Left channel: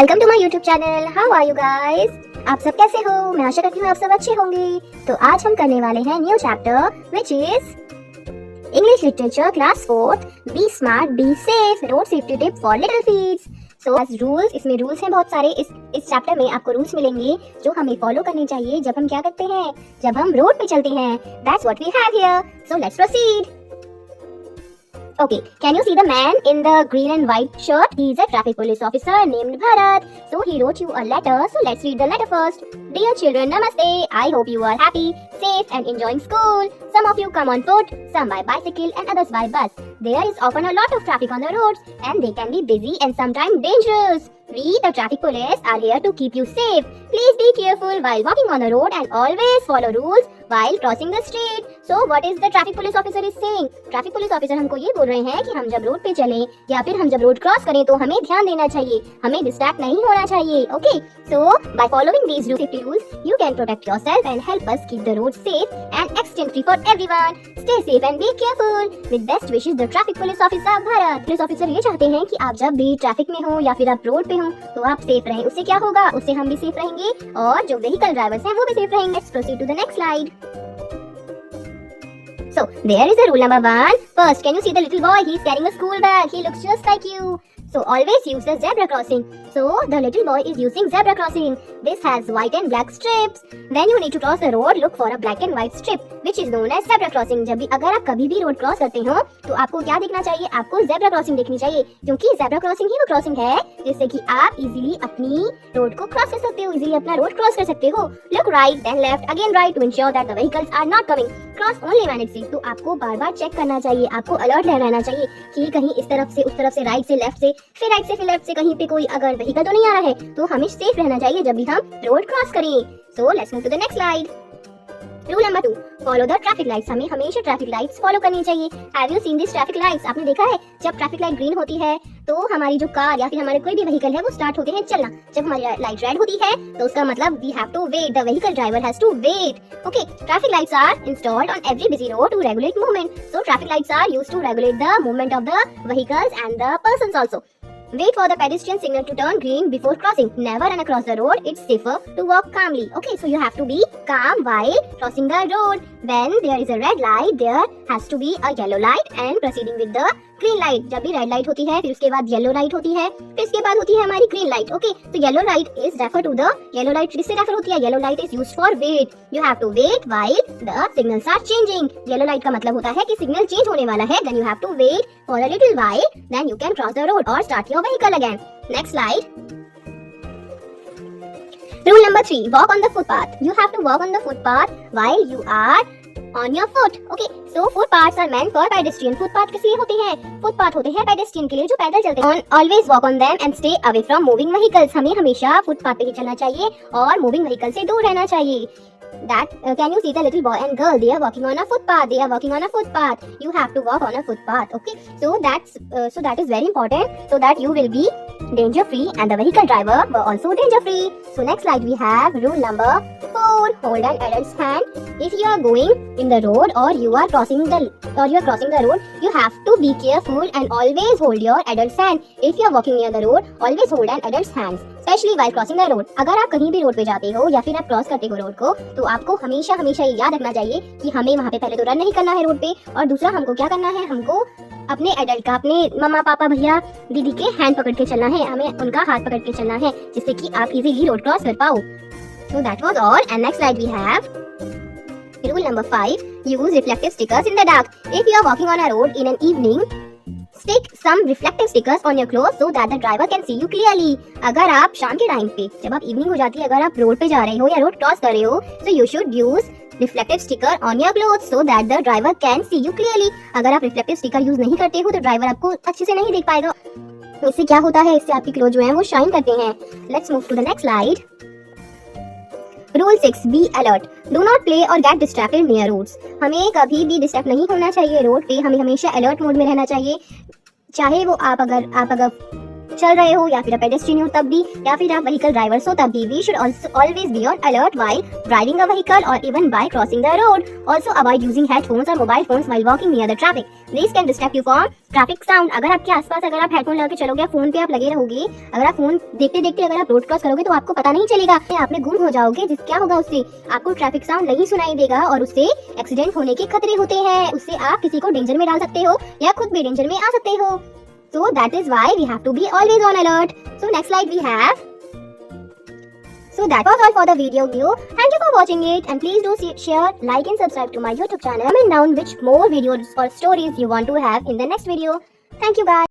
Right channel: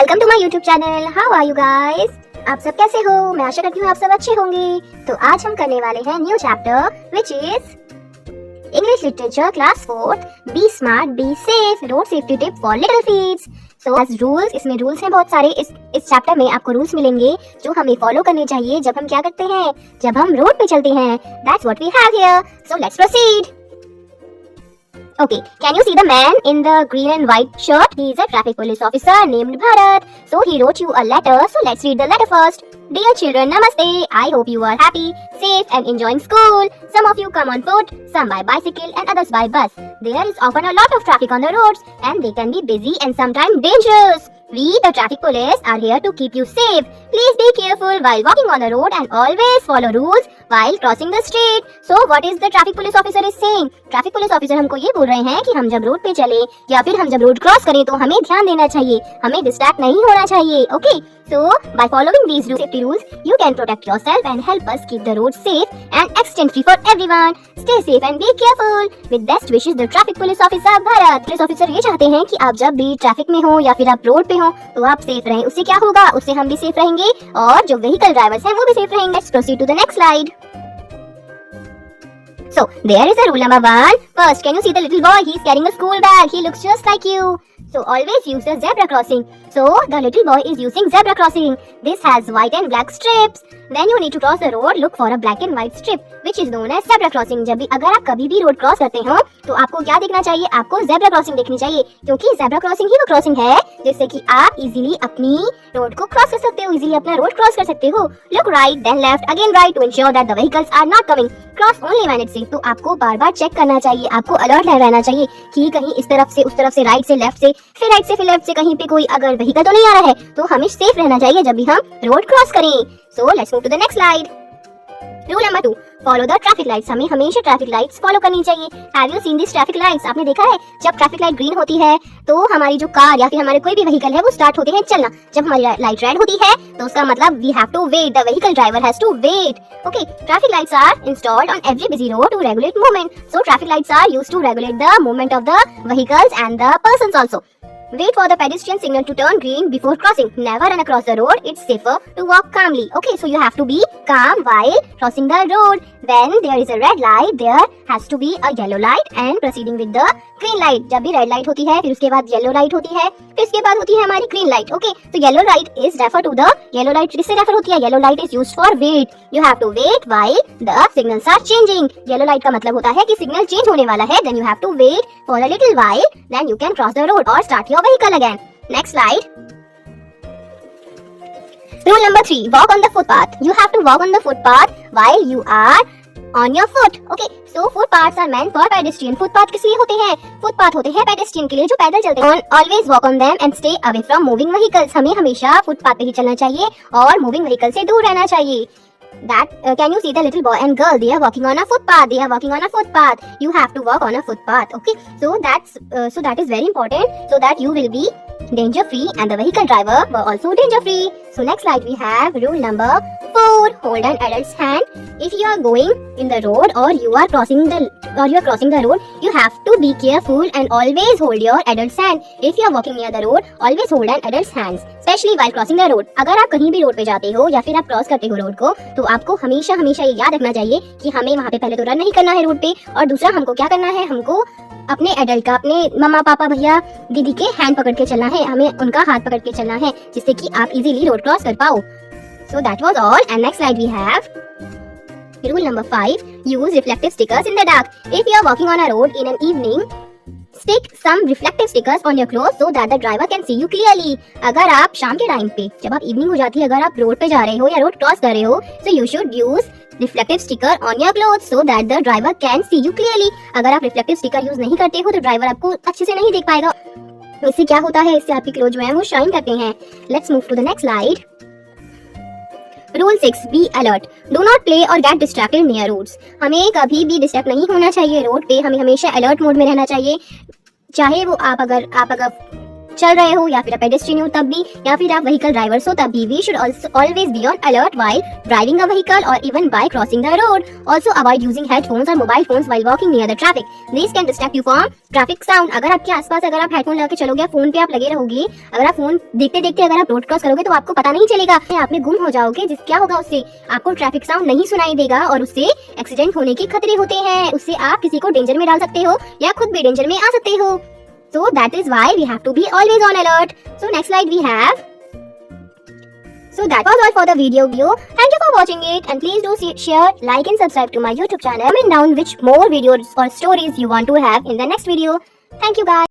Welcome to my YouTube channel. How are you guys? आप सब कैसे हो? मैं आशा करती हूँ आप सब अच्छे होंगे। तो आज हम करने वाले हैं new chapter which is English literature class 4th be smart be safe road safety tip for little feets. So as rules, इसमें रूल्स हैं बहुत सारे। इस चैप्टर में आपको रूल्स मिलेंगे जो हमें फॉलो करने चाहिए जब हम क्या करते हैं, जब हम रोड पे चलते हैं। That's what we have here. So let's proceed. Okay, can you see the man in the green and white shirt? He is a traffic police officer named Bharat. So he wrote you a letter. So let's read the letter first. Dear children, namaste. I hope you are happy, safe and enjoying school. Some of you come on foot, some by bicycle and others by bus. There is often a lot of traffic on the roads and they can be busy and sometimes dangerous. We, the traffic police, are here to keep you safe. Please be careful while walking on the road and always follow rules while crossing the street. So what is the traffic police officer is saying? Traffic police officer हमको ये बोल रहे हैं कि हम जब road पे चलें या फिर हम जब रोड क्रॉस करें तो हमें ध्यान देना चाहिए, हमें डिस्ट्रैक्ट नहीं होना चाहिए। Okay, so by following these safety rules, you can protect yourself and help us keep the road safe and accident free for everyone. Stay safe and be careful. With best wishes, the traffic police officer Bharat. Police officer ये चाहते हैं कि आप जब भी traffic में हो या फिर आप रोड पे हो तो आप सेफ रहें। उससे क्या होगा, उससे हम भी सेफ रहेंगे और जो व्हीकल ड्राइवर्स हैं वो भी सेफ रहेंगे। Let's proceed to the next slide. So there is a rule number 1. First, can you see the little boy? He is carrying a school bag. He looks just like you. So always use the zebra crossing. So the little boy is using zebra crossing. This has white and black strips. When you need to cross the road, look for a black and white strip, which is known as zebra crossing. जब भी अगर आप कभी भी road cross करते हो तो आपको क्या देखना चाहिए, आपको zebra crossing देखनी चाहिए, क्योंकि zebra crossing ही वो क्रॉसिंग है जिससे कि आप इजीली अपनी रोड को क्रॉस कर सकते हो, इजीली अपना रोड क्रॉस कर सकते हो। Look right, then left, again right to ensure that the vehicles are not coming. Cross only when it's safe. तो आपको बार-बार चेक करना चाहिए, आपको अलर्ट रहना चाहिए कि कहीं इस तरफ से, उस तरफ से, राइट से, लेफ्ट से, फिर राइट से, फिर लेफ्ट से कहीं पे कोई अगर व्हीकल तो नहीं आ रहा है, तो हमें सेफ रहना चाहिए जब भी हम रोड क्रॉस करें। So let's move to the next slide. Rule number 2. Follow the traffic lights. हमें हमेशा ट्रैफिक लाइट्स फॉलो करनी चाहिए। Have you seen these traffic lights? आपने देखा है जब ट्रैफिक लाइट ग्रीन होती है तो हमारी जो कार या फिर हमारे कोई भी व्हीकल है वो स्टार्ट होते हैं चलना। जब हमारी लाइट रेड होती है तो उसका मतलब we have to wait. The vehicle driver has to wait. Okay, traffic lights are installed on every busy road to regulate movement. So traffic lights are used to regulate the movement of the vehicles and the persons also. Wait for the pedestrian signal to turn green before crossing. Never run across the road. It's safer to walk calmly. Okay, so you have to be calm while crossing the road. When there is a red light, there has to be a yellow light and proceeding with the green light. जब भी red light होती है फिर उसके बाद yellow light होती है, फिर उसके बाद होती है हमारी ग्रीन लाइट। ओके, तो yellow light is refer to the yellow light, इससे रेफर होती है yellow light is used for wait. You have to wait while the signals are changing. Yellow light का मतलब होता है कि सिग्नल चेंज होने वाला है, then you have to wait for a little while, then you can cross the road और start your vehicle again. Next slide. Rule number 3. Walk on the footpath. You have to walk on the footpath while you are on your foot. Okay, so footpaths are meant for pedestrian. Footpath किस लिए होते हैं? Footpath होते हैं pedestrian के लिए जो पैदल चलते हैं। Always walk on them and stay away from moving vehicles. हमें हमेशा फुटपाथ पे ही चलना चाहिए और मूविंग व्हीकल से दूर रहना चाहिए। That can you see the little boy and girl? They are walking on a footpath. They are walking on a footpath. You have to walk on a footpath. Okay, so that is very important, so that you will be danger free and the vehicle driver were also danger free. So next slide we have rule number 4. Hold an adult's hand. If you are going in the road or you are crossing the road, you have to be careful and always hold your adult's hand. If you are walking near the road, always hold an adult's hands, especially while crossing the road. अगर आप कहीं भी road पे जाते हो या फिर आप क्रॉस करते हो रोड को तो आपको हमेशा हमेशा ये याद रखना चाहिए कि हमें वहाँ पे पहले तो रन नहीं करना है रोड पे, और दूसरा हमको क्या करना है, हमको अपने एडल्ट का, अपने मम्मा पापा भैया दीदी के हैंड पकड़ के चलना है, हमें उनका हाथ पकड़ के चलना है जिससे कि आप इजीली रोड क्रॉस कर पाओ। So that was all, and next slide we have rule number 5. Use reflective stickers in the dark. If you are walking on a road in an evening, stick some reflective stickers on your clothes so that the driver can see you clearly. अगर आप शाम के time पे, जब आप evening हो जाती है, अगर आप रोड पे जा रहे हो या रोड क्रॉस कर रहे हो, so you should use reflective sticker on your clothes so that the driver can see you clearly. अगर आप reflective sticker यूज नहीं करते हो तो ड्राइवर आपको अच्छे से नहीं देख पाएगा। इससे क्या होता है, इससे आपके क्लोथ जो है वो शाइन करते हैं। Let's move to the next slide. Rule 6. Be alert. Do not play or get distracted near roads. हमें कभी भी डिस्ट्रैक्ट नहीं होना चाहिए रोड पे, हमें हमेशा अलर्ट मोड में रहना चाहिए। चाहे वो आप अगर चल रहे हो या फिर आप पेडेस्ट्रियन हो तब भी, या फिर आप व्हीकल ड्राइवर्स हो तब भी, we should always be on alert while driving a vehicle or even by crossing the road. Also avoid using headphones or mobile phones while walking near the traffic. These can distract you from traffic sound. अगर आपके आसपास अगर आप headphone लगा के चलोगे या phone पे आप लगे रहोगे, अगर आप फोन देखते देखते अगर आप रोड क्रॉस करोगे तो आपको पता नहीं चलेगा, आप में गुम हो जाओगे। जिस क्या होगा उससे आपको ट्रैफिक साउंड नहीं सुनाई देगा और उससे एक्सीडेंट होने के खतरे होते हैं। उससे आप किसी को डेंजर में डाल सकते हो या खुद भी डेंजर में आ सकते हो। So that is why we have to be always on alert. So next slide we have. So that was all for the video view. Thank you for watching it, and please do share, like and subscribe to my YouTube channel. Comment down which more videos or stories you want to have in the next video. Thank you guys.